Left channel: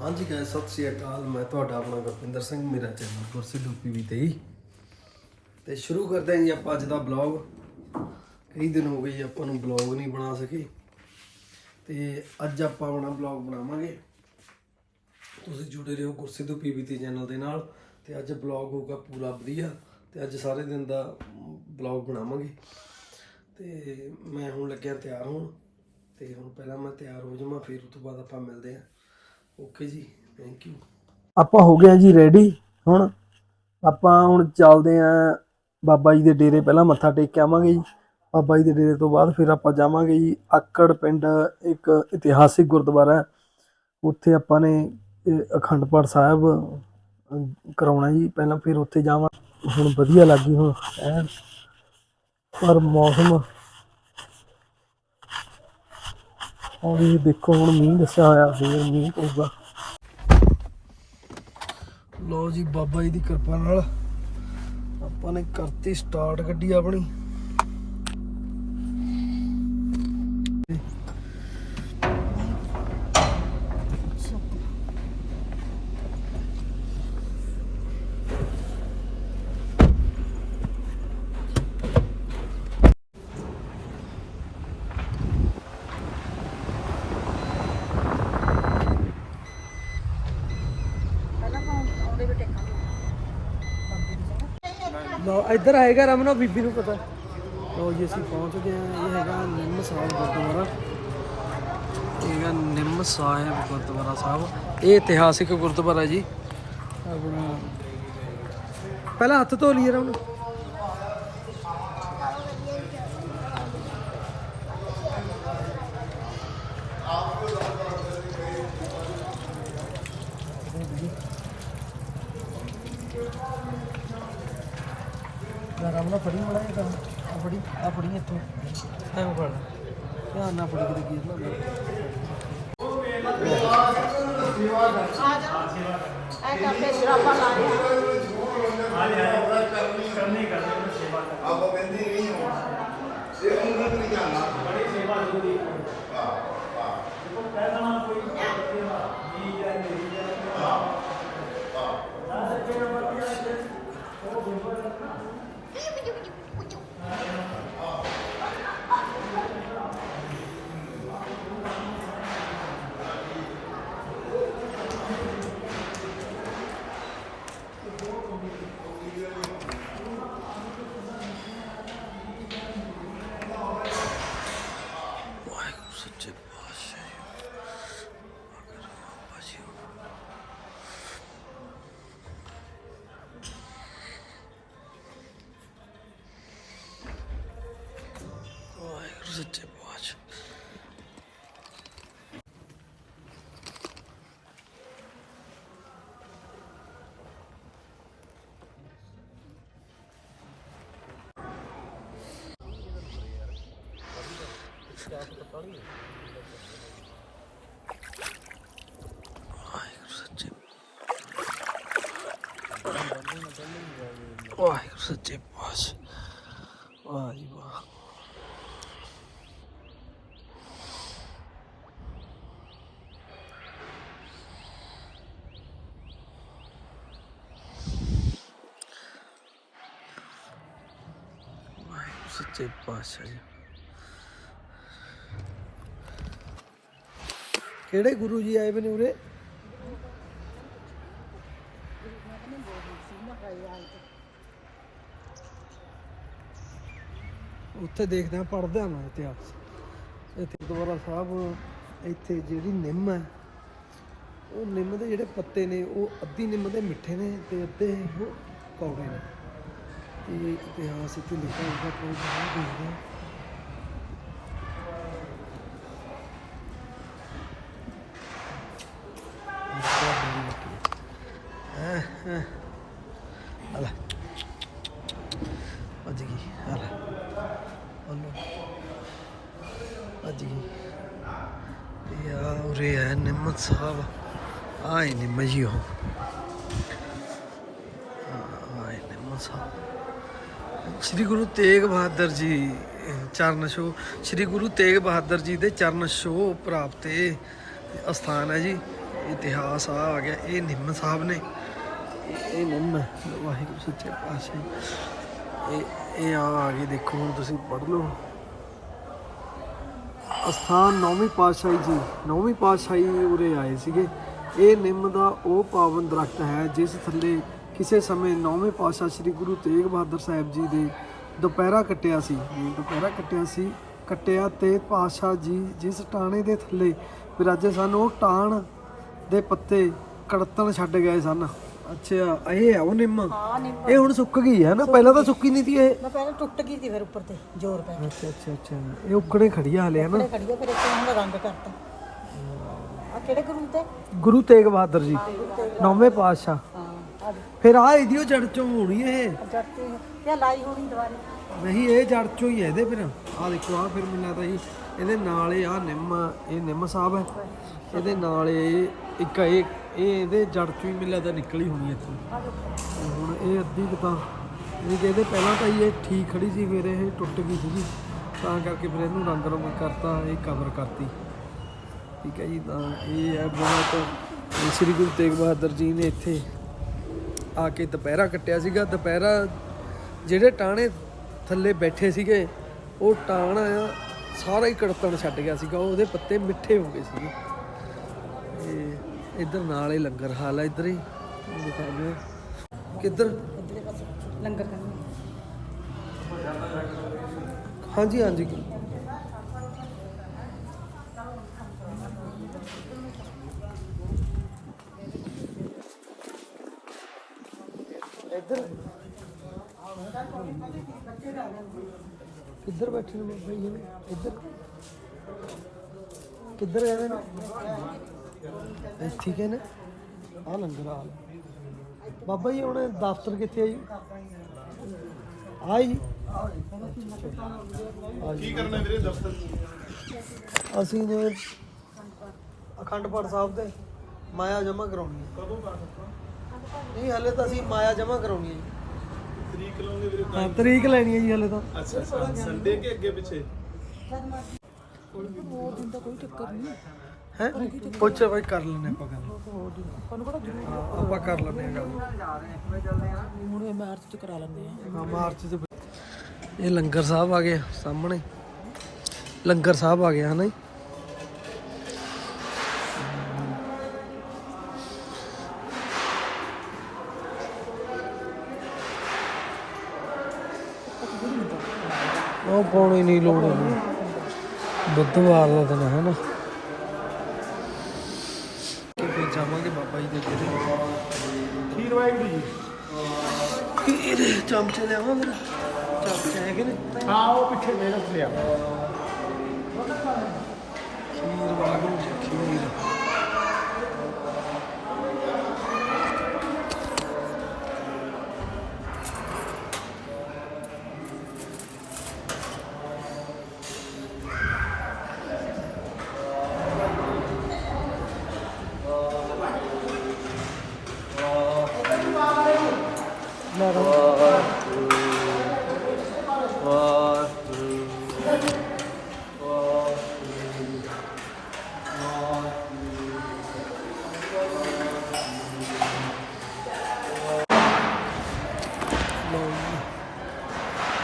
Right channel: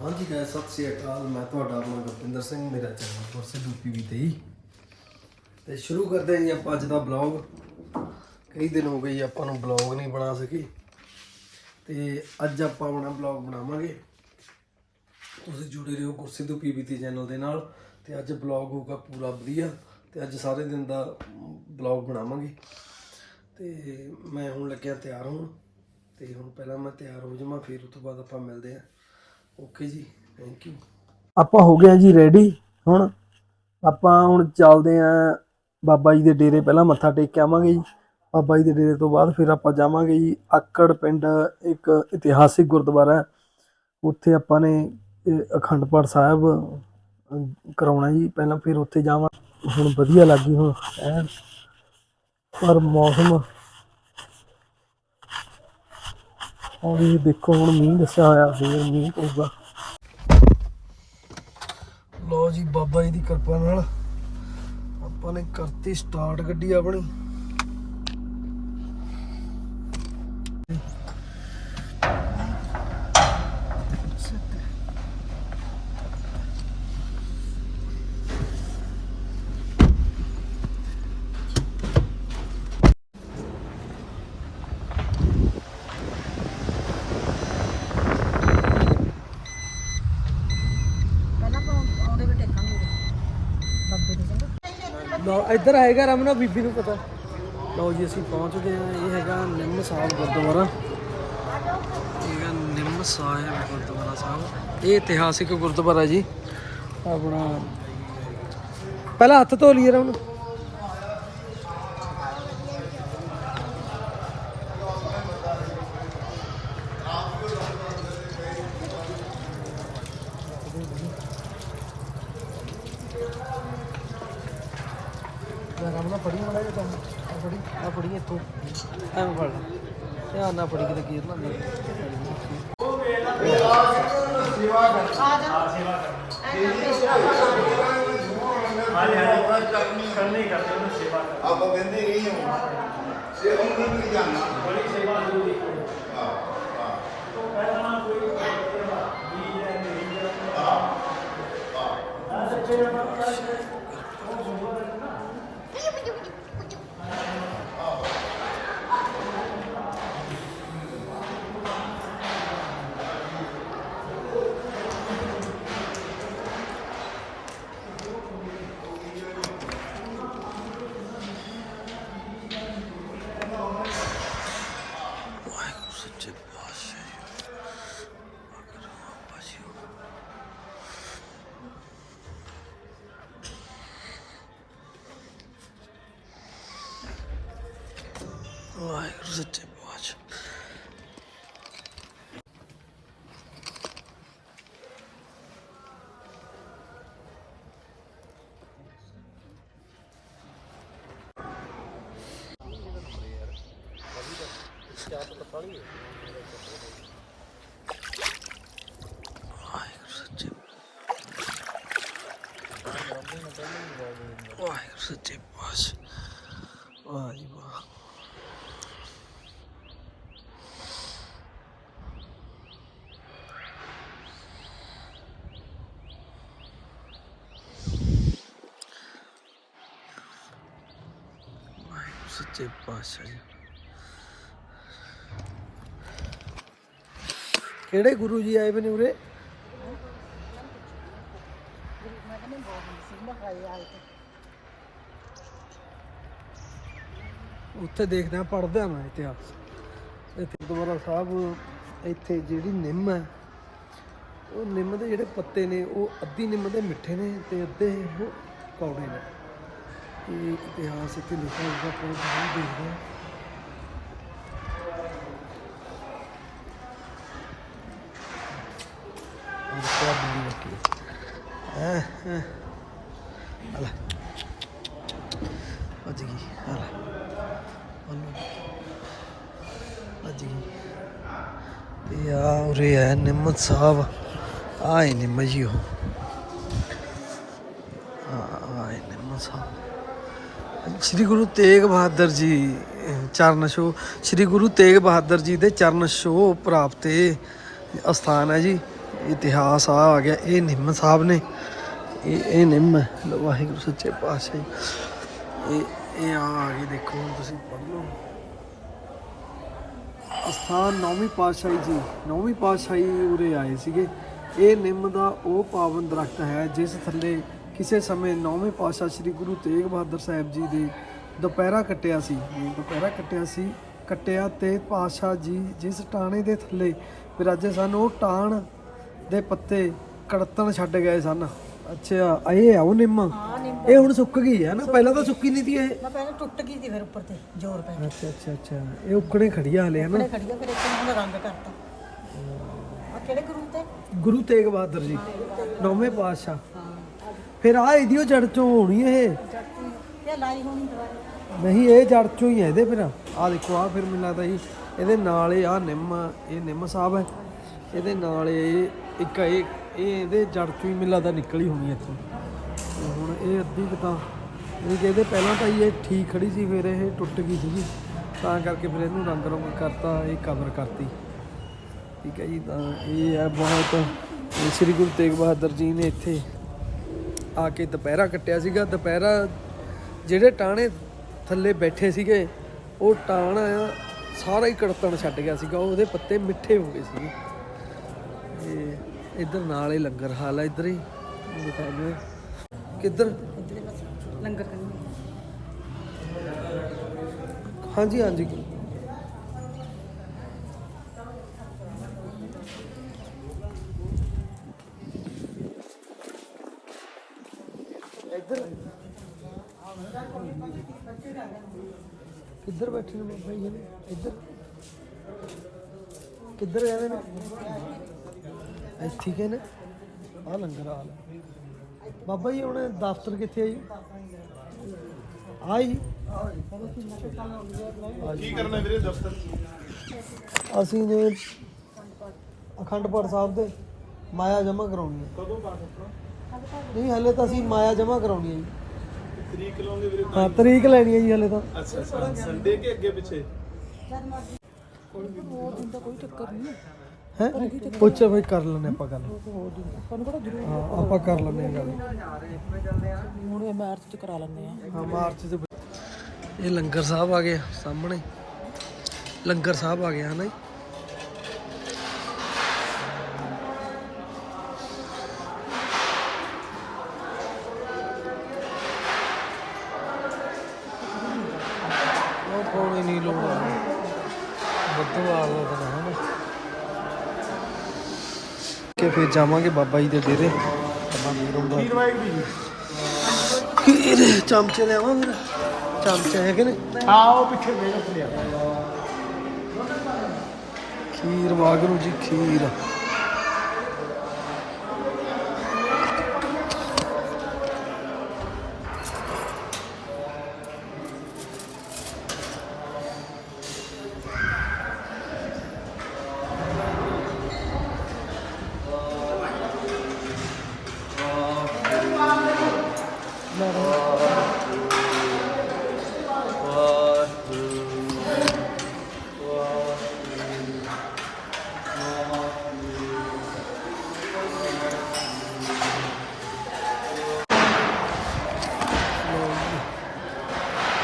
ਹਾਂਜੀ ਗਾਇਸ ਸਤਿ ਸ੍ਰੀ ਅਕਾਲ। ਮੈਂ ਤੁਹਾਡਾ ਆਪਣਾ ਗੁਰਪਿੰਦਰ ਸਿੰਘ, ਮੇਰਾ ਚੈਨਲ ਗੁਰਸਿੱਧੂ ਪੀਵੀ ਤੇ ਹੀ। ਤੇ ਸ਼ੁਰੂ ਕਰਦੇ ਹਾਂ ਜੀ ਆਪਾਂ ਅੱਜ ਦਾ ਬਲੌਗ ਕਈ ਦਿਨ ਹੋ ਗਏ ਜੀ ਆਪਾਂ ਨੂੰ ਬਲੌਗ ਨਹੀਂ ਬਣਾ ਸਕੇ। ਤੇ ਅੱਜ ਆਪਾਂ ਆਪਣਾ ਬਲੌਗ ਬਣਾਵਾਂਗੇ। ਤੁਸੀਂ ਜੁੜੇ ਰਹੋ ਗੁਰਸਿੱਧੂ ਪੀਵੀ ਤੇ ਚੈਨਲ ਦੇ ਨਾਲ। ਤੇ ਅੱਜ ਬਲੌਗ ਹੋਊਗਾ ਪੂਰਾ ਵਧੀਆ। ਤੇ ਅੱਜ ਸਾਰੇ ਦਿਨ ਦਾ ਬਲੌਗ ਬਣਾਵਾਂਗੇ। ਤੇ ਮੈਂ ਹੁਣ ਲੱਗਿਆ ਤਿਆਰ ਹੋਣ। ਤੇ ਹੁਣ ਪਹਿਲਾਂ ਮੈਂ ਤਿਆਰ ਹੋ ਜਾਵਾਂ, ਫਿਰ ਉਸ ਤੋਂ ਬਾਅਦ ਆਪਾਂ ਮਿਲਦੇ ਹਾਂ। ਓਕੇ ਜੀ ਥੈਂਕ ਯੂ ਆਪਾਂ ਹੋ ਗਏ ਆ ਜੀ ਰੈਡੀ ਹੁਣ ਆਪਾਂ ਹੁਣ ਚੱਲਦੇ ਆ ਬਾਬਾ ਜੀ ਦੇ ਡੇਰੇ ਪਹਿਲਾਂ ਮੱਥਾ ਟੇਕ ਕੇ ਆਵਾਂਗੇ ਜੀ। ਬਾਬਾ ਜੀ ਦੇ ਡੇਰੇ ਤੋਂ ਬਾਅਦ ਫਿਰ ਆਪਾਂ ਜਾਵਾਂਗੇ ਜੀ ਆਕੜ ਪਿੰਡ ਇੱਕ ਇਤਿਹਾਸਿਕ ਗੁਰਦੁਆਰਾ ਹੈ। ਉੱਥੇ ਆਪਾਂ ਨੇ ਅਖੰਡ ਪਾਠ ਸਾਹਿਬ ਅਹ, ਕਰਾਉਣਾ ਜੀ। ਪਹਿਲਾਂ ਫਿਰ ਉੱਥੇ ਜਾਵਾਂ। ਹੁਣ ਵਧੀਆ ਲੱਗੀ ਹੁਣ। ਐਨ ਪਰ ਮੌਸਮ ਔਰ ਇਹ ਦੇਖੋ, ਹੁਣ ਮੀਂਹ ਦੱਸਿਆ ਹੋਇਆ, ਫੇਰ ਮੀਂਹ ਪਊਗਾ। ਲੋ ਜੀ, ਬਾਬਾ ਜੀ ਦੀ ਕਿਰਪਾ ਨਾਲ ਆਪਾਂ ਨੇ ਕਰਤੀ ਸਟਾਰਟ ਗੱਡੀ ਆਪਣੀ। ਜਗ੍ਹਾ ਇੱਧਰ ਹੈਗਾ ਰਮਨਾ ਬੀਬੀ ਨੂੰ ਪਤਾ। ਲਓ ਜੀ, ਅਸੀਂ ਪਹੁੰਚਦੇ ਆ ਇਹ ਹੈਗਾ ਨਿੰਮ ਸਾਹਿਬ ਗੁਰਦੁਆਰਾ। ਇਹ ਨਿੰਮ ਸਾਹਿਬ ਗੁਰਦੁਆਰਾ ਸਾਹਿਬ। ਇਹ ਇਤਿਹਾਸਿਕ ਗੁਰਦੁਆਰਾ ਜੀ। ਆਪਣਾ ਪਹਿਲਾਂ ਹੱਥ ਧੋ ਲਈਏ ਰਮਨ। ਯਾਰ ਫੜੀ ਮੜਾ ਜਾ ਆ ਫੜੀ ਆ ਫੜੀ ਇੱਥੋਂ। ਐਂ ਫੜ ਧਿਆਨ ਨਾਲ ਫੜੀ ਕਿਤੇ ਗੀਰ ਨਾ ਆਪਾਂ ਕਹਿੰਦੇ ਨਹੀਂ ਇਹ ਉਹਨਾਂ ਨੂੰ ਨਹੀਂ ਸੱਚੇ ਪਾਤਸ਼ਾਹ ਵਾਹ ਜੀ ਵਾਹ ਸੱਚੇ ਪਾਤਸ਼ਾਹ ਜੀ ਕਿਹੜੇ ਗੁਰੂ ਜੀ ਆਏ ਬਨੇ ਉਰੇ? ਉੱਥੇ ਦੇਖਦਾ ਪੜਦਾ ਮੈਂ ਇਤਿਹਾਸ। ਇੱਥੇ ਦੁਬਾਰਾ ਸਾਹਿਬ, ਇੱਥੇ ਜਿਹੜੀ ਨਿੰਮ ਹੈ, ਉਹ ਨਿੰਮ ਦੇ ਜਿਹੜੇ ਪੱਤੇ ਨੇ, ਉਹ ਅੱਧੀ ਨਿੰਮ ਦੇ ਮਿੱਠੇ ਨੇ ਤੇ ਅੱਧੇ ਉਹ ਕੌੜੇ ਨੇ। ਇਹ ਇਤਿਹਾਸ ਇੱਥੇ ਲਿਖਿਆ ਹੋਇਆ ਕੋਈ ਨਹੀਂ ਦੇਖ ਰਿਹਾ ਅਲਾ ਅੱਜ ਕੀ ਅਲਾ ਉਹਨੂੰ ਅੱਜ ਗਈ। ਤੇ ਆ ਉਰੇ ਹੈ ਨਿੰਮਤ ਸਾਹਿਬ। ਆਏ ਨਿੰਮ ਜੀ ਉਹ। ਆਏ ਨਿੰਮਤ ਸਾਹਿਬ। ਸ੍ਰੀ ਗੁਰੂ ਤੇਗ ਬਹਾਦਰ ਜੀ ਚਰਨ ਛੋਹ ਸ੍ਰੀ ਗੁਰੂ ਤੇਗ ਬਹਾਦਰ ਜੀ ਦੇ ਚਰਨ ਛੋਹ ਪ੍ਰਾਪਤ ਇਹ ਅਸਥਾਨ ਹੈ ਜੀ। ਇਤਿਹਾਸ ਆ ਆ ਗਿਆ। ਇਹ ਨਿੰਮ ਸਾਹਿਬ ਨੇ। ਇਹ ਇਹ ਨਿੰਮ ਵਾਹਿਗੁਰੂ ਸੱਚੇ ਪਾਤਸ਼ਾਹ ਇਹ ਇਹ ਆ ਆ ਗਈ ਦੇਖੋ, ਹੁਣ ਤੁਸੀਂ ਪੜ੍ਹ ਲਓ। ਅਸਥਾਨ ਨੌਵੀਂ ਪਾਤਸ਼ਾਹੀ ਜੀ, ਨੌਵੀਂ ਪਾਤਸ਼ਾਹੀ ਉਰੇ ਆਏ ਸੀਗੇ। ਇਹ ਨਿੰਮ ਦਾ ਉਹ ਪਾਵਨ ਦਰਖਤ ਹੈ, ਜਿਸ ਥੱਲੇ ਕਿਸੇ ਸਮੇਂ ਨੌਵੇਂ ਪਾਤਸ਼ਾਹ ਸ੍ਰੀ ਗੁਰੂ ਤੇਗ ਬਹਾਦਰ ਸਾਹਿਬ ਜੀ ਦੇ ਦੁਪਹਿਰਾ ਕੱਟਿਆ ਸੀ। ਦੁਪਹਿਰਾ ਕੱਟਿਆ ਸੀ, ਕੱਟਿਆ ਤੇ ਪਾਤਸ਼ਾਹ ਜੀ ਜਿਸ ਟਾਣੇ ਦੇ ਥੱਲੇ ਵਿਰਾਜੇ ਸਨ, ਉਹ ਟਾਣ ਦੇ ਪੱਤੇ ਕੜਤਣ ਛੱਡ ਗਏ ਸਨ। ਅੱਛਾ ਇਹ ਆ ਉਹ ਨਿੰਮ। ਹਾਂ ਨਿੰਮ ਇਹ ਹੁਣ ਸੁੱਕ ਗਈ ਹੈ ਨਾ? ਪਹਿਲਾਂ ਤਾਂ ਸੁੱਕੀ ਨਹੀਂ ਸੀ ਇਹ। ਮੈਂ ਪਹਿਲਾਂ ਟੁੱਟ ਗਈ ਸੀ ਫਿਰ ਉੱਪਰ ਤੇ ਜ਼ੋਰ ਪੈ ਅੱਛਾ ਅੱਛਾ ਅੱਛਾ। ਇਹ ਉਕੜੇ ਖੜੀਆਂ ਹਲੇ ਹੈ ਨਾ? ਕੇ ਖੜੀ ਆ ਫਿਰ ਇੱਕ ਉਹਨੇ ਰੰਗ ਕਰਤਾ। ਆ ਕਿਹੜੇ ਗੁਰੂ ਤੇ? ਗੁਰੂ ਤੇਗ ਬਹਾਦਰ ਜੀ ਨੌਵੇਂ ਪਾਤਸ਼ਾਹ। ਫਿਰ ਆ ਇਹਦੀ ਉਹ ਜੜ ਚੋਂ ਹੋਣੀ ਇਹ। ਇਹ ਲਾਈ ਹੋਣੀ ਦਵਾਈ ਨਹੀਂ ਇਹ ਜੜ ਚੋਂ ਹੀ ਹੈ ਇਹਦੇ ਫਿਰ। ਆ ਦੇਖੋ ਆ ਫਿਰ ਮੈਨੂੰ ਲੱਗਦਾ ਜੀ ਇਹਦੇ ਨਾਲ ਇਹ ਆ ਨਿੰਮ ਇਹ ਨਿੰਮ ਸਾਹਿਬ ਹੈ। ਇਹਦੇ ਨਾਲ ਇਹ ਇੱਕ ਇਹ ਇਹ ਇਹਦੇ ਜੜ ਚੋਂ ਹੀ ਮੈਨੂੰ ਲੱਗਦਾ ਨਿਕਲੀ ਹੋਣੀ ਇੱਥੋਂ। ਹੁਣ ਇਹ ਅੱਧੀ ਕੁ ਤਾਂ, ਇਹ ਕਹਿੰਦੇ ਪਹਿਲਾਂ ਤਾਂ ਹੀ ਇਹ ਠੀਕ ਖੜੀ ਸੀ, ਫਿਰ ਇਹ ਟੁੱਟ ਗਈ ਸੀਗੀ। ਤਾਂ ਕਰਕੇ ਫਿਰ ਇਹਨੂੰ ਰੰਗ ਰੰਗ ਕਰਤਾ, ਇਹ ਕਵਰ ਕਰਤੀ। ਠੀਕ ਹੈ ਜੀ, ਤਾਂ ਇਹ ਹੈ ਬਹੁਤ ਸ੍ਰੀ ਗੁਰੂ ਤੇਗ ਬਹਾਦਰ ਜੀ ਨੇ ਇੱਥੇ ਆ ਕੇ ਦੁਪਹਿਰਾ ਕੱਟਿਆ ਸੀਗਾ। ਦੁਪਹਿਰਾ ਜਿਹੜੇ ਟਾਣੇ ਥੱਲੇ ਬੈਠੇ ਸੀਗੇ, ਉਹ ਟਾਣ ਸਾਰਾ ਹੀ ਕੜਤਣ ਛੱਡ ਗਿਆ ਸੀਗਾ। ਉਹਦੇ ਪੱਤੇ ਮਿੱਠੇ ਹੋ ਗਏ ਸੀਗੇ। ਤੇ ਇੱਧਰ ਨਾਲ ਹੀ ਲੰਗਰ ਹਾਲ ਆ ਇੱਧਰ ਹੀ। ਦਿਖਾਉਂਦੇ। ਕਿੱਧਰ? ਲੰਗਰ ਕਰਨੀ। ਹਾਂਜੀ ਹਾਂਜੀ। ਇੱਧਰ। ਕਿੱਧਰ ਬੈਠੇ ਨੇ ਬਾਬਾ ਜੀ ਨੇ ਇੱਧਰ। ਕਿੱਧਰ ਗਏ ਨੇ ਇੱਥੇ ਠੀਕ ਹੈ ਨਾ? ਆ ਲੰਗਰ ਹਾਲ ਹੈ। ਬਾਬਾ ਜੀ ਹੁਣ ਦਫ਼ਤਰ ਕਿੱਥੇ ਆ ਜੀ? ਆ ਜੀ। ਕੀ ਕਰਨਾ ਵੀਰੇ ਦਫ਼ਤਰ? ਅਸੀਂ ਨੇ ਅਖੰਡ ਪਾਠ ਸਾਹਿਬ ਦੇ ਮਾਇਆ ਜਮ੍ਹਾਂ ਕਰਾਉਣੀ ਹੈ। ਕਦੋਂ ਪਾਠ ਆਪਣਾ? ਨਹੀਂ ਹਲੇ ਤਾਂ ਅਸੀਂ ਮਾਇਆ ਜਮ੍ਹਾਂ ਕਰਾਉਣੀ ਹੈ ਜੀ। ਤਰੀਕ ਲਾਉਂਗੇ ਵੀਰੇ ਹਾਂ ਤਰੀਕ ਲੈਣੀ ਹੈ ਜੀ ਹਲੇ ਤਾਂ। ਅੱਛਾ ਅੱਛਾ। ਸੰਡੇ ਕੇ ਅੱਗੇ ਪਿੱਛੇ? ਹੈ। ਪੁੱਛ ਬਈ ਕਰ ਲੈਣੇ ਆਪਾਂ ਗੱਲ। ਹਾਂ ਆਪਾਂ ਕਰ ਲੈਣੇ ਆ ਗੱਲ। ਹੁਣ ਮਾਰਚ ਚ ਕਰਾ ਲੈਂਦੇ ਆ ਹਾਂ ਮਾਰਚ ਚ। ਇਹ ਲੰਗਰ ਸਾਹਿਬ ਆ ਗਿਆ ਸਾਹਮਣੇ। ਲੰਗਰ ਸਾਹਿਬ ਆ ਗਿਆ ਹਨਾ ਜੀ? ਉਹ ਪਾਉਣੀ ਨਹੀਂ ਲੋੜ। ਹੈ ਬੱਦੂ ਆ ਗਿਆ ਤਾਂ ਹਨਾ? ਕਿ ਫਿਰ ਜਾਵਾਂਗੇ ਬਾਬਾ ਜੀ ਦੇ ਡੇਰੇ। ਖੀਰ ਵਾਹਿਗੁਰੂ ਜੀ। ਖੀਰ ਚਮਚੇ ਲਿਆਵਾਂ ਫਿਰ? ਚਮਚੇ ਹੈਗੇ ਨੇ ਹਾਂ ਉਹ ਪਿੱਛੇ ਮੇਰਾ ਫੁਲਿਆ ਖੀਰ ਵਾਗਰੂ ਜੀ ਖੀਰ। ਲੈ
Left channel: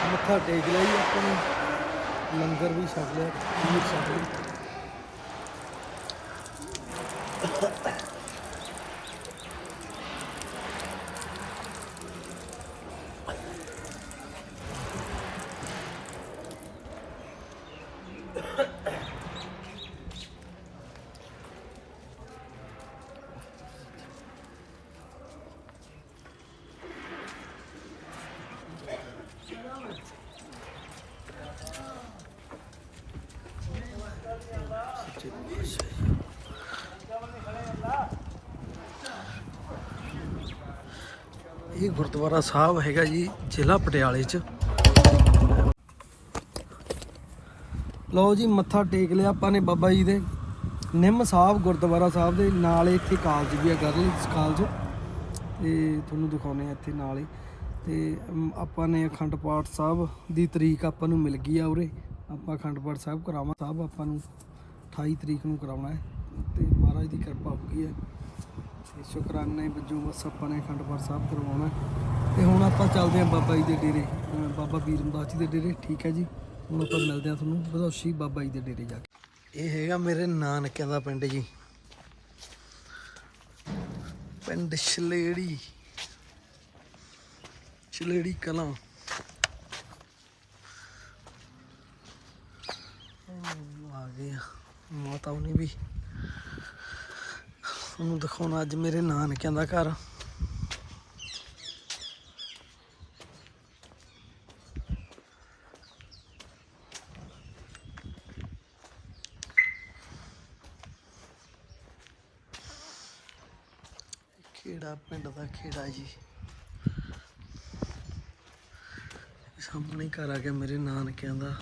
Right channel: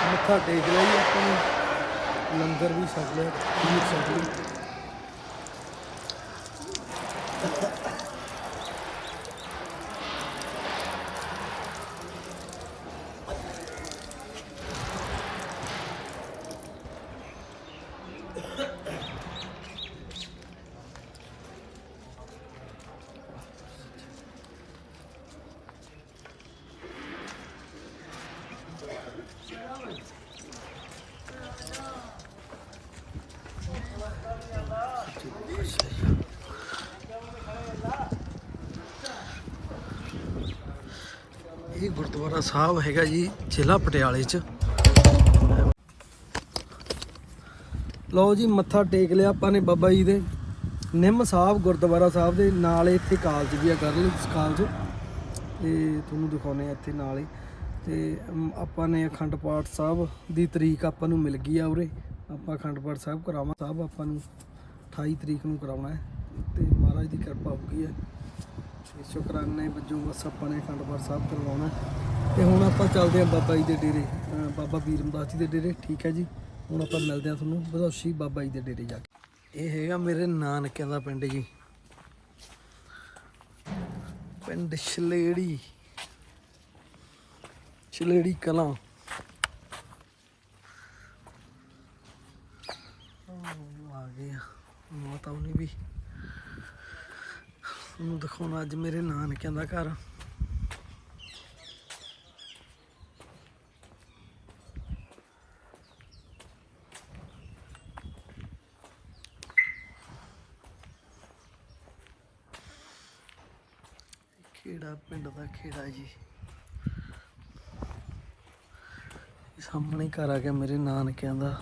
ਮੱਥਾ ਟੇਕ ਲਿਆ ਆਪਾਂ ਲੰਗਰ ਵੀ ਛਕ ਲਿਆ ਖੀਰ ਛਕ ਲਈ ਇਹ ਗੁਰਦੁਆਰਾ ਸਾਹਿਬ ਹੈਗਾ ਜੀ, ਜ਼ਿਲ੍ਹਾ ਪਟਿਆਲੇ 'ਚ। ਲਓ ਜੀ, ਮੱਥਾ ਟੇਕ ਲਿਆ ਆਪਾਂ ਨੇ ਬਾਬਾ ਜੀ ਦੇ। ਨਿੰਮ ਸਾਹਿਬ ਗੁਰਦੁਆਰਾ ਸਾਹਿਬ ਦੇ ਨਾਲ ਇੱਥੇ ਕਾਲਜ ਵੀ ਆ ਗਰਲਸ ਕਾਲਜ। ਤੇ ਤੁਹਾਨੂੰ ਦਿਖਾਉਨੇ ਆ ਇੱਥੇ ਨਾਲ ਹੀ। ਤੇ ਆਪਾਂ ਨੇ ਅਖੰਡ ਪਾਠ ਸਾਹਿਬ ਦੀ ਤਰੀਕ ਆਪਾਂ ਨੂੰ ਮਿਲ ਗਈ ਆ ਉਰੇ। ਆਪਾਂ ਅਖੰਡ ਪਾਠ ਸਾਹਿਬ ਕਰਾਵਾਂ। ਸਾਹਿਬ ਆਪਾਂ ਨੂੰ 28 ਤਰੀਕ ਨੂੰ ਕਰਾਉਣਾ ਹੈ। ਤੇ ਮਹਾਰਾਜ ਦੀ ਕਿਰਪਾ ਹੋ ਗਈ ਹੈ। ਤੇ ਸ਼ੁਕਰਾਨੇ ਵਜੋਂ, ਬਸ ਆਪਾਂ ਨੇ ਅਖੰਡ ਪਾਠ ਸਾਹਿਬ ਕਰਵਾਉਣਾ। ਤੇ ਹੁਣ ਆਪਾਂ ਚੱਲਦੇ ਹਾਂ ਬਾਬਾ ਜੀ ਦੇ ਡੇਰੇ ਬਾਬਾ ਵੀਰਮਦਾਸ ਜੀ ਦੇ ਡੇਰੇ, ਠੀਕ ਹੈ ਜੀ? ਹੁਣ ਆਪਾਂ ਮਿਲਦੇ ਹਾਂ ਤੁਹਾਨੂੰ ਬਧੌਸ਼ੀ ਬਾਬਾ ਜੀ ਦੇ ਡੇਰੇ ਜਾ ਕੇ। ਇਹ ਹੈਗਾ ਮੇਰੇ ਨਾਨਕਿਆਂ ਦਾ ਪਿੰਡ ਜੀ। ਪਿੰਡ ਛਲੇੜੀ ਛਲੇੜੀ ਕਲਾਂ। ਆ ਗਏ ਆ, ਮਾਤਾ ਉਹਨੇ ਵੀ। ਉਹਨੂੰ ਦਿਖਾਉਣਾ ਅੱਜ ਮੇਰੇ ਨਾਨਕਿਆਂ ਦਾ ਘਰ। ਖੇੜਾ ਪਿੰਡ ਦਾ ਖੇੜਾ ਜੀ? ਸਾਹਮਣੇ ਘਰ ਆ ਗਿਆ ਮੇਰੇ ਨਾਨਕਿਆਂ ਦਾ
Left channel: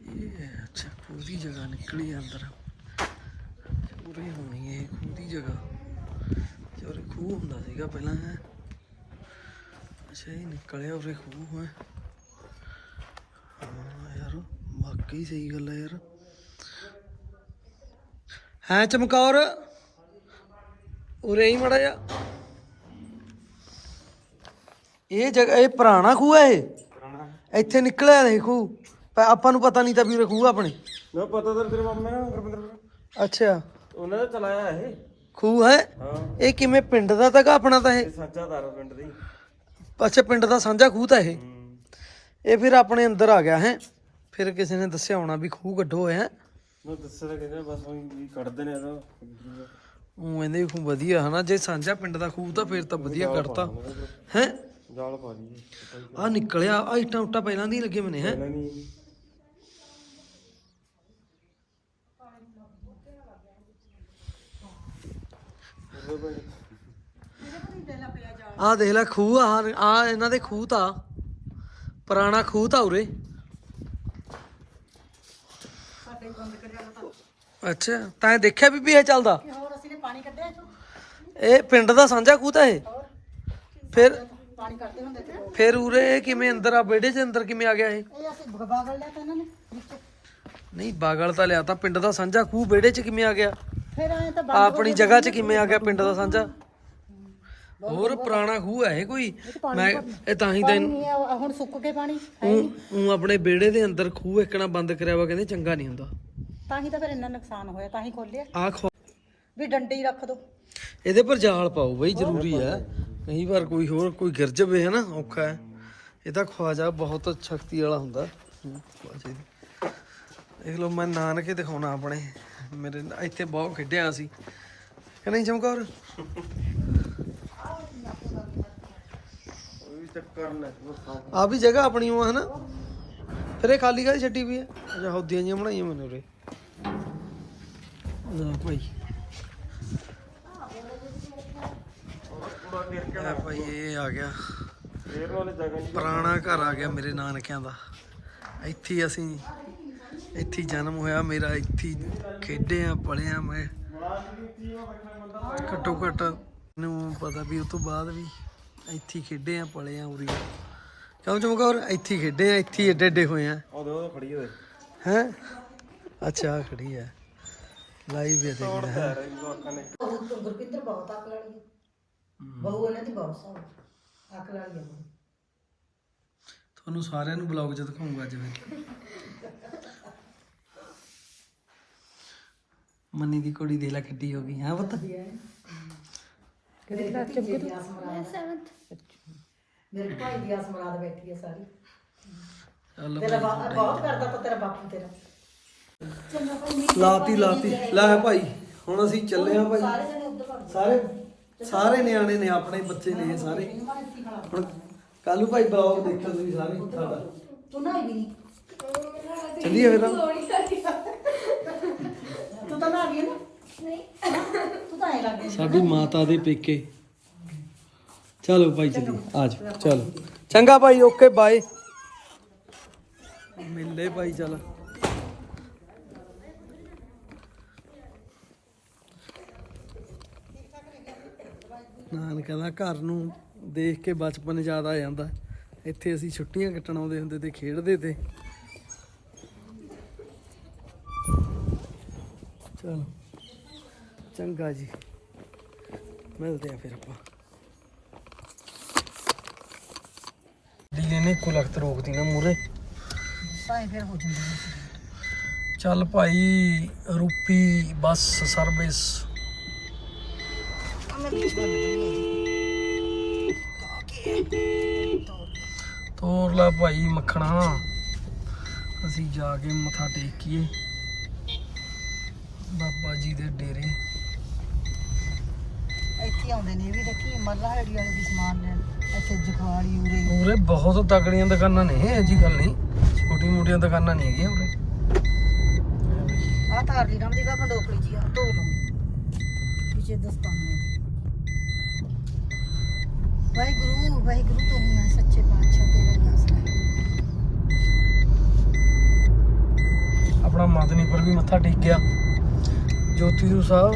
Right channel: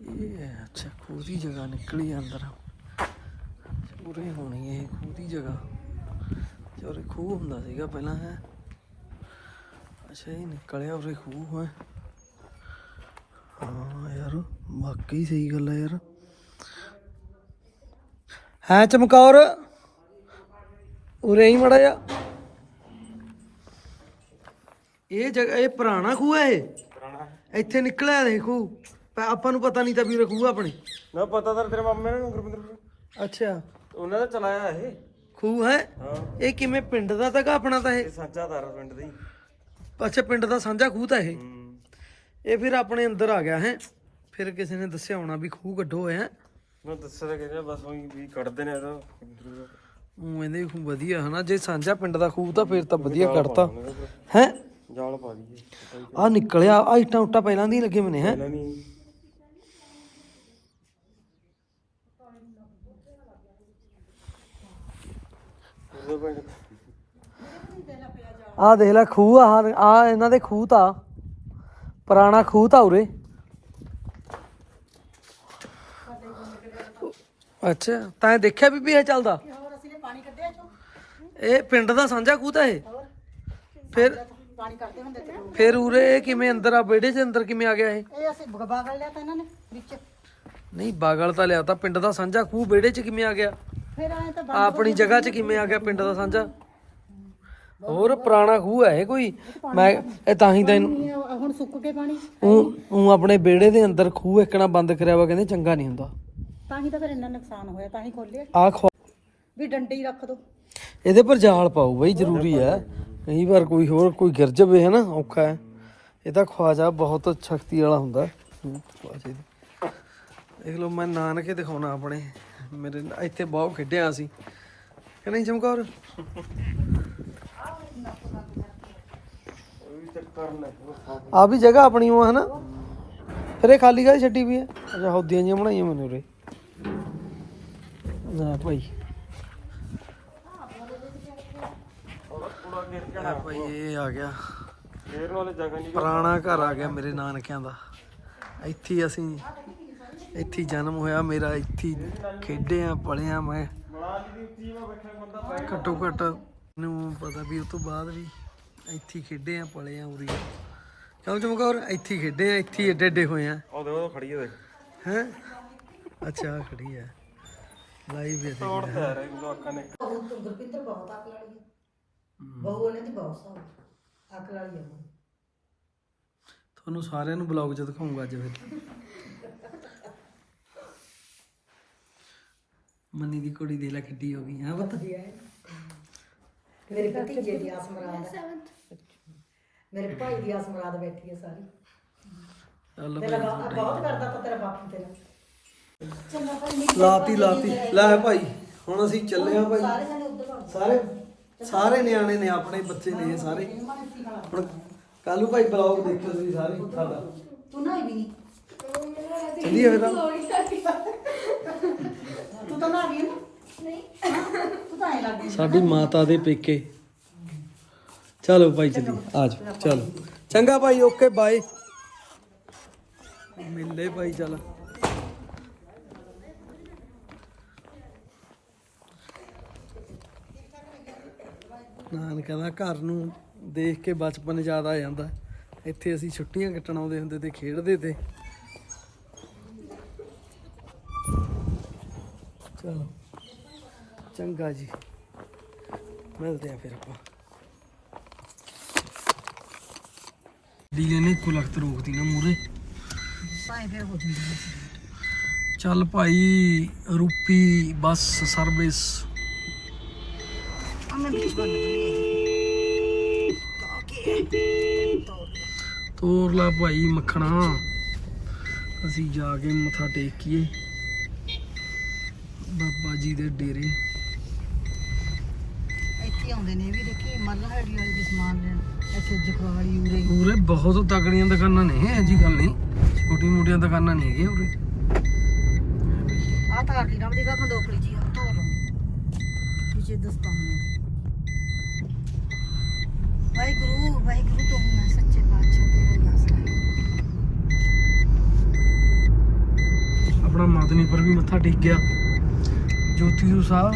ਇਹ ਅੱਛਾ ਪੂਰੀ ਜਗ੍ਹਾ ਨਿਕਲੀ ਅੰਦਰ। ਪੂਰੀ ਹੋਣੀ ਇਹ ਪੂਰੀ ਜਗ੍ਹਾ। ਜੋ ਖੂਹ ਹੁੰਦਾ ਸੀਗਾ ਪਹਿਲਾਂ ਹੈ। ਅੱਛਾ ਇਹ ਨਿਕਲਿਆ ਉਰੇ ਖੂਹ ਹੈ। ਹਾਂ ਯਾਰ ਵਾਕਈ ਸਹੀ ਗੱਲ ਹੈ ਯਾਰ। ਹੈ ਚਮਕੌਰ? ਉਰੇ ਹੀ ਮੜਾ ਜਾ ਇਹ ਜਗ੍ਹਾ ਇਹ ਪੁਰਾਣਾ ਖੂਹ ਹੈ ਇਹ? ਇੱਥੇ ਨਿਕਲਿਆ ਨਹੀਂ ਖੂਹ। ਪਰ ਆਪਾਂ ਨੂੰ ਪਤਾ ਨਹੀਂ ਤਾਂ ਵੀਰੇ ਖੂਹ ਆਪਣੇ। ਮੈਂ ਪਤਾ ਤਾਂ ਤੇਰੇ ਮਾਮੇ ਨੇ ਗੁਰਪਿੰਦਰ ਅੱਛਾ। ਉਹਨਾਂ ਨੇ ਚਲਾਇਆ ਇਹ। ਖੂਹ ਹੈ? ਹਾਂ। ਇਹ ਕਿਵੇਂ ਪਿੰਡ ਦਾ ਤਾਂ ਕਿ ਆਪਣਾ ਤਾਂ ਇਹ? ਇਹ ਸਾਂਝਾ ਦਾਰ ਪਿੰਡ ਦੀ। ਅੱਛਾ ਪਿੰਡ ਦਾ ਸਾਂਝਾ ਖੂਹ ਤਾਂ ਇਹ? ਹੂੰ। ਇਹ ਫਿਰ ਆਪਣੇ ਅੰਦਰ ਆ ਗਿਆ ਹੈ। ਫਿਰ ਕਿਸੇ ਨੇ ਦੱਸਿਆ ਹੋਣਾ ਵੀ ਖੂਹ ਗੱਡੋ ਹੋਇਆ ਮੈਂ ਦੱਸਿਆ ਤਾਂ ਕਹਿੰਦੇ ਬਸ ਉਹੀ ਵੀ ਕੱਢਦੇ ਨੇ ਇਹਦਾ। ਉਹ ਕਹਿੰਦੇ ਵੀ ਖੂਹ ਵਧੀਆ ਹਨਾ। ਜੇ ਸਾਂਝਾ ਪਿੰਡ ਦਾ ਖੂਹ ਤਾਂ ਫਿਰ ਤਾਂ ਵਧੀਆ ਕੱਢਤਾ ਹੈ। ਜਾਲ ਪਾ ਦਈਏ ਆ ਨਿਕਲਿਆ ਆ ਇੱਟਾਂ ਉੱਟਾਂ ਪਹਿਲਾਂ ਦੀ ਲੱਗੇ ਮਨੇ ਹੈ? ਨਹੀਂ ਆ ਦੇਖ ਲੈ ਖੂਹ ਆ ਆ ਇਹਨਾਂ ਦੇ ਖੂਹ ਤਾਂ। ਪੁਰਾਣਾ ਖੂਹ ਤਾਂ ਉਰੇ। ਅੱਛਾ ਤਾਂ ਦੇਖਿਆ ਵੀ ਵੀ ਇਹ ਚੱਲਦਾ? ਹੋਰ ਅਸੀਂ ਨੇ ਪਾਣੀ ਕੱਢਿਆ ਇੱਥੋਂ ਇਹ ਪਿੰਡ ਦਾ ਸਾਂਝਾ ਖੂਹ ਤਾਂ ਇਹ? ਫਿਰ ਪਾਣੀ ਕੱਢਦੇ ਹੁੰਦੇ ਤੇ ਲੋਕ ਫਿਰ ਉਰੇ ਇਹ ਕਿਵੇਂ ਅੰਦਰ ਆ? ਵਿਹੜੇ 'ਚ ਅੰਦਰ ਕਿਵੇਂ ਆ ਗਿਆ ਇਹ? ਇਹ ਅਸੀਂ ਲਿਆ ਤਾਂ ਇਹਨਾਂ ਨੇ ਵਿੱਚ। ਨਹੀਂ ਬਾਗਲ ਤਾਂ ਲਿਆ ਤਾਂ ਪਿੰਡ ਦਾ ਸਾਂਝਾ ਖੂਹ ਵਿਹੜੇ 'ਚ ਕਿਵੇਂ ਆ ਗਿਆ? ਫਿਰ ਐ ਤਾਂ ਆ ਆਪਣੀ ਜਗ੍ਹਾ 'ਚ ਕਿਵੇਂ ਆ ਗਿਆ ਪਿੰਡ ਦਾ ਸਾਂਝਾ? ਹੋਰ ਪੁਰਾਣਾ ਖੂਹ ਹੈ ਇਹ ਕੋਈ? ਮੈਂ ਇਹ ਤਾਂ ਹੀ ਤਾਂ ਇਹਨੂੰ- ਨਹੀਂ ਆ ਹੁਣ ਸੁੱਕ ਕੇ ਪਾਣੀ। ਊਂ ਆਪਣੇ ਵਿਹੜੇ ਦੇ ਅੰਦਰ ਖੂਹ ਇੱਕਣਾ ਬੰਦ ਕਰਿਆ ਵਾ ਕਹਿੰਦੇ ਚੰਗਾ ਨਹੀਂ ਹੁੰਦਾ। ਤਾਂ ਹੀ ਤਾਂ ਫਿਰ ਇੰਨਾ ਨੁਕਸਾਨ ਹੋਇਆ ਤਾਂ ਹੀ ਖੋਲਿਆ। ਆ ਖਵਾ ਵੀ ਡੰਡੀ ਰੱਖ ਦੋ। ਇਹਦੇ ਪਰ ਜਾਲ ਪਾਓ ਬਈ ਜ਼ਰੂਰੀ ਹੈ। ਕਈ ਵਾਰ ਕੋਈ ਹੋਰ ਕੋਈ ਗਿਰ ਜਾਵੇ ਹੈ ਨਾ ਔਖਾ ਹੈ। ਇਹਦਾ ਖਵਾਜਾ ਬਹੁਤ ਸ਼ਕਤੀ ਵਾਲਾ ਹੁੰਦਾ। ਹੂੰ, ਖਵਾਜੇ ਦੀ। ਦੇਖ ਲਓ ਮੈਂ ਨਾਨਕੇ ਦਿਖਾਉਣਾ ਆਪਣੇ। ਮੇਰੇ ਨਾਲ ਇੱਥੇ ਬਹੁਤ ਖੇਡਿਆ ਸੀ ਕਿ ਨਹੀਂ ਚਮਕੌਰ? ਆ ਵੀ ਜਗ੍ਹਾ ਆਪਣੀ ਉਹ ਹੈ ਫਿਰ ਇਹ ਖਾਲੀ ਗਾਈ ਛੱਡੀ ਵੀ ਹੈ? ਅੱਛਾ, ਹੌਦੀਆਂ ਜਿਹੀਆਂ ਬਣਾਈਆਂ ਮੈਨੂੰ ਉਰੇ। ਨਾ ਭਾਈ। ਥੋੜਾ ਭਾਈ, ਇਹ ਆ ਗਿਆ। ਪੁਰਾਣਾ ਘਰ ਆ ਗਿਆ ਮੇਰੇ ਨਾਨਕਿਆਂ ਦਾ। ਇੱਥੇ ਅਸੀਂ ਇੱਥੇ ਜਨਮ ਹੋਇਆ ਮੇਰਾ ਇੱਥੇ ਹੀ ਖੇਡੇ ਆ ਪਲੇ ਆ ਮੈਂ। ਘੱਟੋ ਘੱਟ ਨੂੰ ਪਤਾ ਵੀ ਉਸ ਤੋਂ ਬਾਅਦ ਵੀ ਇੱਥੇ ਖੇਡੇ ਆ ਪਲੇ ਆ ਉਰੀ। ਕਿਉਂ ਚਮਕੌਰ? ਇੱਥੇ ਹੀ ਖੇਡੇ ਆ ਇੱਥੇ ਏਡੇ ਏਡੇ ਹੋਏ ਆ। ਉਹ ਦੇਖੋ ਖੜੀ ਹੈ ਹੈ? ਅੱਛਾ ਖੜੀ ਹੈ ਲਾਈਵ ਵੀ ਤੇ ਕਿਹੜਾ ਹੈ? ਬਹੁਤ ਗੁਰਪਿੰਦਰ ਬਹੁਤ ਅਕਲ ਵਾਲੀ ਹੈ ਬਹੂ ਇਹਨਾਂ ਦੀ ਬਹੁਤ ਸਾਊ ਅਕਲ ਵਾਲੀ ਹੈ ਬਹੂ। ਤੁਹਾਨੂੰ ਸਾਰਿਆਂ ਨੂੰ ਬਲੌਗ 'ਚ ਦਿਖਾਉਂਗਾ ਅੱਜ ਫਿਰ। ਮੰਨੀ ਦੀ ਕੁੜੀ ਦੇ ਲੈ ਕਿੱਡੀ ਹੋ ਗਈ ਹਾਂ ਪੁੱਤ? ਮੇਰੇ ਭਤੀਜੇ ਦੀ ਆਸ ਮੁਰਾਦ ਮੇਰੇ ਭਾਈ ਦੀ ਆਸ ਮੁਰਾਦ ਬੈਠੀ ਹੈ ਸਾਰੀ। ਚੱਲ ਤੇਰਾ ਭਾਈ ਬਾ- ਬਹੁਤ ਕਰਦਾ ਤਾਂ ਤੇਰਾ ਬਾਪੂ ਤੇਰਾ। ਲਾਤੀ ਲਾਤੀ। ਲੈ ਭਾਈ ਹੁਣ ਅਸੀਂ ਚੱਲੇ ਆ ਭਾਈ। ਸਾਰੇ ਜਣੇ ਉੱਧਰ ਭੱਜ ਸਾਰੇ ਸਾਰੇ ਨਿਆਣੇ ਨੇ ਆਪਣੇ ਬੱਚੇ ਨੇ ਸਾਰੇ। ਹੁਣ ਕੱਲੂ ਭਾਈ ਬਲੌਗ ਦੇਖੋ ਤੁਸੀਂ ਸਾਰੇ ਸਾਡਾ ਤੂੰ ਨਾ ਨਹੀਂ ਚੱਲੀਏ ਫਿਰ ਤਾਂ। ਤੂੰ ਤਾਂ ਨਾ ਵੀ ਨਾ? ਨਹੀਂ। ਤੂੰ ਤਾਂ ਐ ਲੱਗਦੀ ਸਾਡੀ ਮਾਤਾ ਦੇ ਪੇਕੇ। ਚਲੋ ਭਾਈ ਚੱਲੀ ਆ ਜਾਓ ਚਲੋ। ਚੰਗਾ ਭਾਈ ਓਕੇ ਬਾਏ। ਮਿਲਲੇ ਭਾਈ ਚਲ। ਨਾਨਕਾ ਦਾ ਘਰ ਨੂੰ ਦੇਖ ਕੇ ਬਚਪਨ ਯਾਦ ਆ ਜਾਂਦਾ। ਇੱਥੇ ਅਸੀਂ ਛੁੱਟੀਆਂ ਕੱਟਣ ਆਉਂਦੇ ਹੁੰਦੇ ਤੇ ਖੇਡਦੇ ਤੇ। ਚਲੋ। ਚੰਗਾ ਜੀ। ਮਿਲਦੇ ਆ ਫਿਰ ਆਪਾਂ। ਡੀਜੇ ਨੇ ਕੋ ਲਖਤ ਰੋਕਦੀ ਨਾ ਮੂਰੇ ਭਾਈ ਫਿਰ ਲਈ ਚੱਲ ਭਾਈ ਰੂਪੀ ਬੱਸ ਸਰਵਿਸ। ਤੋਰ ਲਾ ਭਾਈ ਮੱਖਣਾ। ਅਸੀਂ ਜਾ ਕੇ ਮੱਥਾ ਟੇਕੀਏ ਬਾਬਾ ਜੀ ਦੇ ਡੇਰੇ। ਇੱਥੇ ਆਉਂਦੇ ਨੇ ਇਹ ਵੀ ਦੇਖੀ ਮੱਲਾ ਹੜੀ ਵਾਲੇ ਦੀ ਸਮਾਨ ਲੈਣ ਇੱਥੇ ਜਖਵਾਲ ਯੂਰੇ ਪੂਰੇ ਬਹੁਤ ਤਗੜੀਆਂ ਦੁਕਾਨਾਂ ਨੇ ਇਹ ਜੀ ਗੱਲ ਨਹੀਂ। ਛੋਟੀ ਮੋਟੀਆਂ ਦੁਕਾਨਾਂ ਨਹੀਂ ਹੈਗੀਆਂ ਉਰੇ। ਆ ਤਾਰ ਦੀ ਰਾਮ ਜੀ ਦਾ ਖਡੋਪੜੀ ਜੀ ਆ ਧੋ ਲਓ ਪਿੱਛੇ ਦਸਤਾਨੇ ਵਾਹਿਗੁਰੂ ਵਾਹਿਗੁਰੂ ਤੂੰ ਹੀ ਸੱਚੇ ਪਾਤਸ਼ਾਹ ਤੇਰਾ ਹੀ ਆਸਰਾ। ਆਪਣਾ ਮਾਦਨੀ ਪਰ ਵੀ ਮੱਥਾ ਟੇਕ ਗਿਆ ਜੋਤੀ ਜੂ ਸਾਹਿਬ।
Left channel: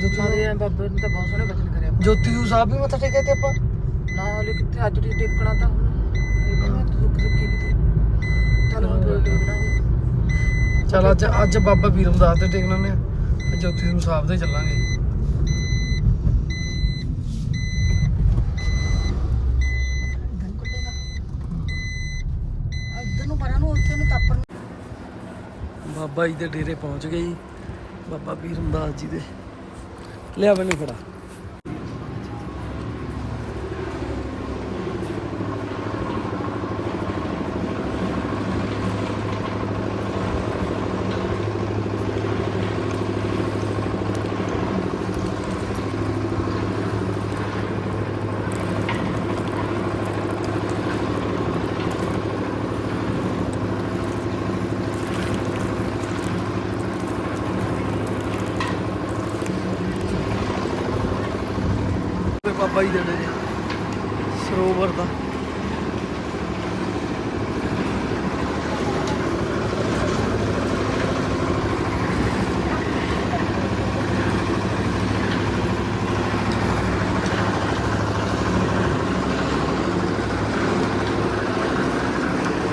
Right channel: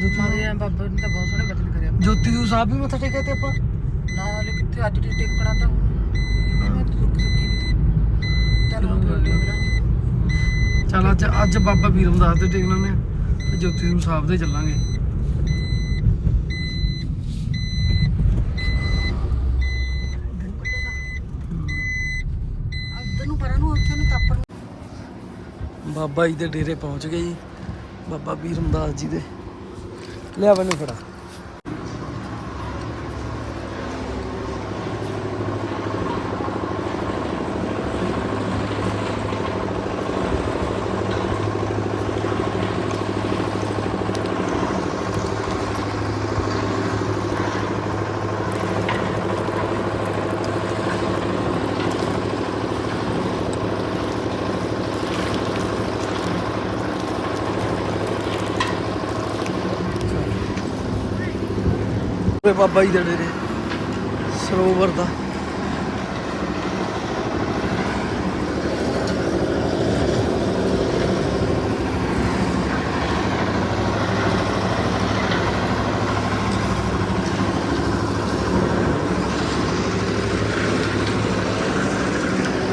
ਜੋਤੀ ਮਾਰੇ ਬਾਬਾ ਨੇ ਤਾਂ ਬਹੁਤ ਸੋਹਣੇ ਬਦਲ ਕਰਿਆ ਜੋਤੀ ਜੂ ਸਾਹਿਬ ਵੀ ਮੱਥਾ ਟੇਕਿਆ ਤੇ ਆਪਾਂ? ਨਾਲ ਕਿਤੇ ਅੱਜ ਦੀ ਟਿਕਣਾ ਤਾਂ ਦੀ ਰੁਕ ਵੀ ਚਲੋ ਚਲ ਅੱਜ ਅੱਜ ਬਾਬਾ ਵੀਰਮ ਦਾਸ ਤੇ ਟੇਕ ਲੈਂਦੇ ਆ ਜੋਤੀ ਜੂ ਸਾਹਿਬ ਦੇ ਚੱਲਾਂਗੇ। ਦਿਨ ਕੱਢੇਗਾ ਅੱਧ ਨੂੰ ਪਰਾਂ ਨੂੰ ਉੱਥੇ ਨੂੰ ਤਾਪਰ ਬਾਬਾ ਜੀ ਦੇ ਡੇਰੇ ਪਹੁੰਚ ਗਏ ਜੀ। ਬਾਬਾ ਵੀਰਮ ਰਮਦਾਸ ਜੀ ਦੇ। ਲਿਆ ਮੈਨੂੰ ਫੜਾ। ਬਾਬਾ ਜੀ ਦੇ ਡੇਰੇ ਸਰੋਵਰ ਦਾ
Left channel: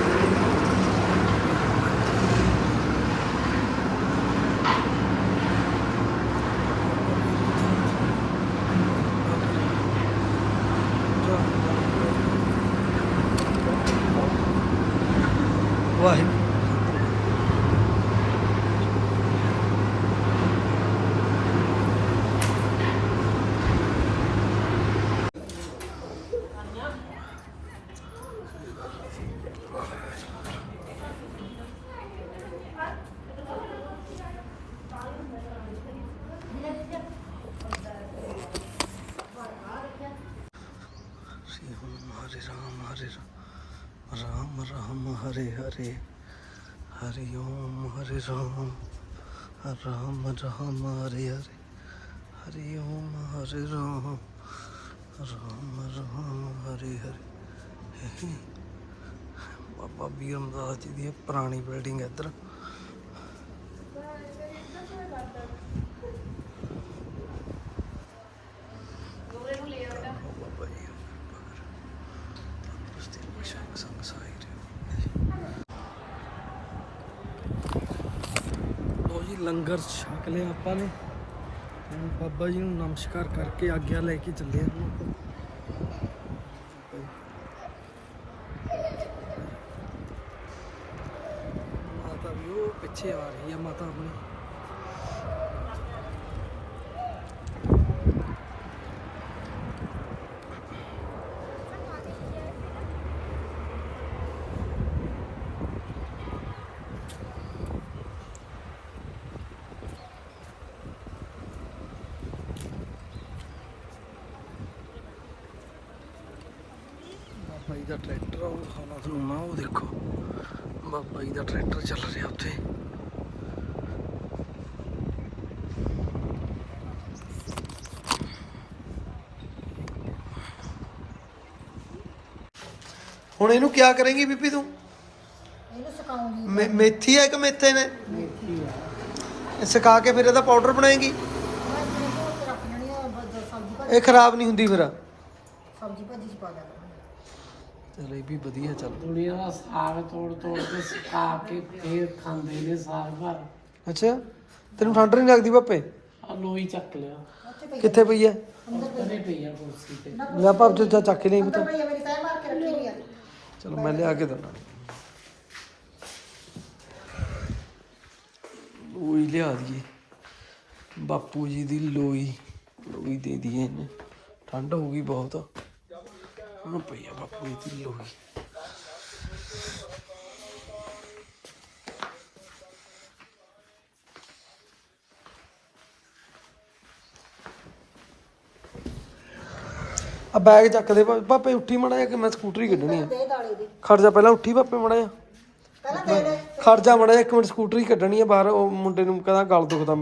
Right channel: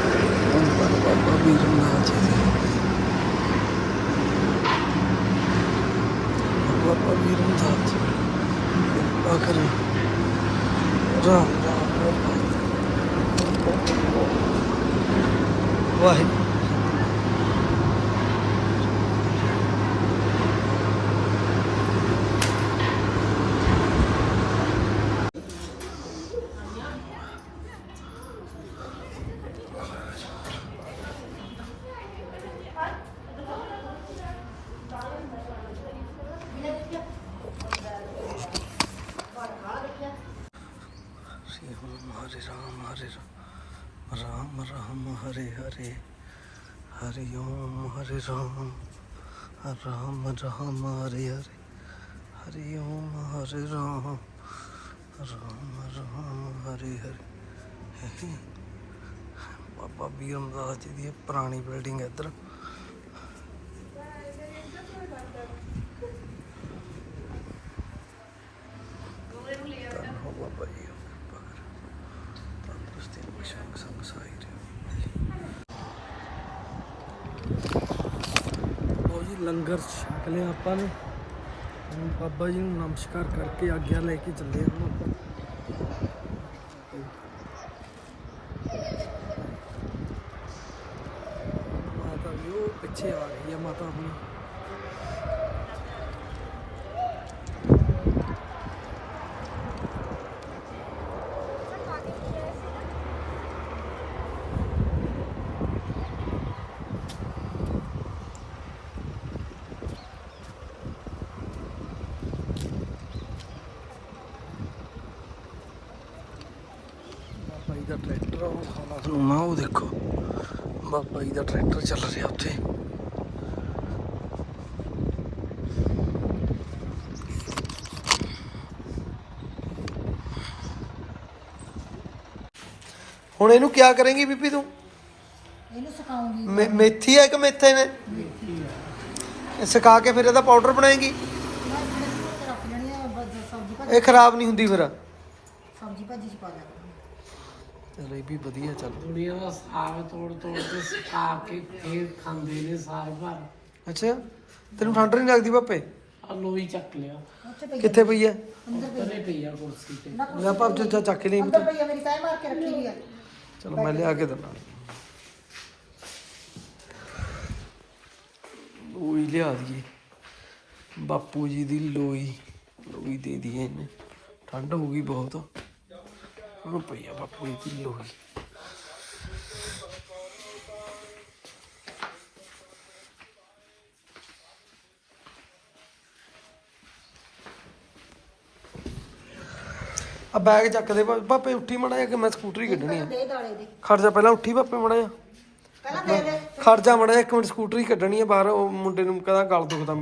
ਬਾਬਾ ਵੀਰਮ ਦਾਸ ਜੀ ਦੇ। ਬਾਬਾ ਵੀਰਮ ਦਾਸ ਜੀ। ਆਖਰ ਰਾਮ ਵਾਹਿਗੁਰੂ। ਰਾਮ ਰਾਮ ਹਰੇ ਹਰੇ, ਹਰੀ ਓਮ, ਹਰੇ ਰਾਮ ਰਾਮ ਰਾਮ ਹਰੇ ਹਰੇ, ਹਰੀ ਓਮ, ਹਰੇ ਰਾਮ ਰਾਮ ਰਾਮ ਹਰੇ ਹਰੇ। ਬਾਬਾ ਬੀਮ ਰਾਜ ਦੀ ਪੁਰਾਣੀ ਬਿਲਡਿੰਗ ਹੈ ਇੱਧਰ। ਲੰਗਰ ਛਕ ਲਿਆ ਆਪਾਂ ਨੇ। ਹੁਣ ਬਾਬਾ ਜੀ ਨੂੰ ਨਮਸਕਾਰ ਕਰਕੇ ਆਗਿਆ ਲੈ ਕੇ ਚੱਲੇ ਹਾਂ ਹੁਣ ਆਪਾਂ। ਮਾਤਾ ਵੀ ਉਹ ਪਿੱਛੇ ਆ ਰਹੀ ਹੈ ਮਾਤਾ ਆਪਣੀ ਬਾਬਾ ਜੀ ਦਾ ਟਰੈਕਟਰ ਆ ਉਹ ਖਾਣਾ ਤੁਹਾਨੂੰ ਨਾ ਉਹ ਦੇਖੋ ਬਾਬਾ ਜੀ ਦਾ ਟਰੈਕਟਰ ਚੱਲ ਰਿਹਾ ਉੱਥੇ। ਹੁਣ ਇਹਨੂੰ ਕਿਆ ਕਰੇਂਗੀ ਬੀਬੀ ਤੂੰ? ਇਹਨੂੰ ਸੁਕਾਉਂਗੀ ਮੇ- ਮੇਥੀ ਹੈ ਕਿ ਮੇਥੇ ਨੇ? ਇਹ ਸੁਕਾ ਕੇ ਫਿਰ ਇਹਦਾ ਪਾਊਡਰ ਬਣਾਏਗੀ? ਮੈਂ ਇਤਨੇ ਤੋਂ ਰੱਖ ਲੈਣੀ ਆ ਬ- ਸਬਜ਼ੀ ਭਾਜੀ ਇਹ ਖਰਾਬ ਨਹੀਂ ਹੁੰਦੀ ਫਿਰ। ਸਬਜ਼ੀ ਭਾਜੀ ਚ ਪਾ ਦਿਆ ਕਰਾਂਗੇ ਚਲ ਇਹ ਵੀ ਵਧੀਆ ਚੱਲ ਦੁਨੀਆ ਦਾ ਸਾਗ ਤੋੜ ਤੋੜ ਕੇ ਸੁਕਾ ਕੇ ਫੇਰ ਖਾਂਦੇ ਨੇ ਸਾਲ ਭਰ। ਅੱਛਾ ਤੈਨੂੰ ਠੰਡ ਨਹੀਂ ਲੱਗਦੀ ਪਾਪੇ ਆ ਲੋਈ ਚੱਕ ਲਿਆ। ਕਿੱਥੇ ਪਈ ਹੈ ਉੱਪਰੇ ਪਈ ਆ ਕੁਰਸੀ ਤੇ। ਲੈ ਜੋ ਚਾ ਚੱਕ ਲਈ ਉੱਧਰ ਪਈ ਆ ਮੇਰੀ ਤੈਅ ਮਾਰ ਕੇ ਰੱਖੀ ਹੋਈ ਆ। ਚਲੋ ਮੈਂ ਲਿਆ ਕੇ ਦਿੰਦਾ। ਲੋਈ ਲਿਆ ਦਈਏ। ਬਾਪੂ ਜੀ ਦੀ ਲੋਈ ਲੋਈ ਦੇ ਦਈਏ ਇਹਨੇ। ਠੰਡ ਹੋ ਗਈ ਬਹੁਤ। ਹੁਣ ਪਈ ਆ ਬਾਪੂ ਜੀ ਦੀ ਆ ਬੈਗ ਚੱਕ ਦੇ ਪਾਪੇ ਉੱਠੀ ਮੜਾ ਕਿ ਮੈਂ ਸਕੂਟਰੀ ਕੱਢਣੀ ਆ। ਦੇ ਦਾਲੇ ਦੀ। ਖੜ ਜਾ ਪਹਿਲਾਂ ਉੱਠੀ ਪਾਪੇ ਮੜਾ ਪਹਿਲਾਂ ਦੇ ਦੇ। ਖੜ ਜਾ ਮੜਾ ਇੱਕ ਮਿੰਟ ਸਕੂਟਰੀ ਕੱਢਣੀ ਆ ਬਾਹਰ ਉਹ ਮੁੰਡੇ ਨੂੰ ਕਹਿੰਦਾ ਗਲ ਦੁਖਦਾ।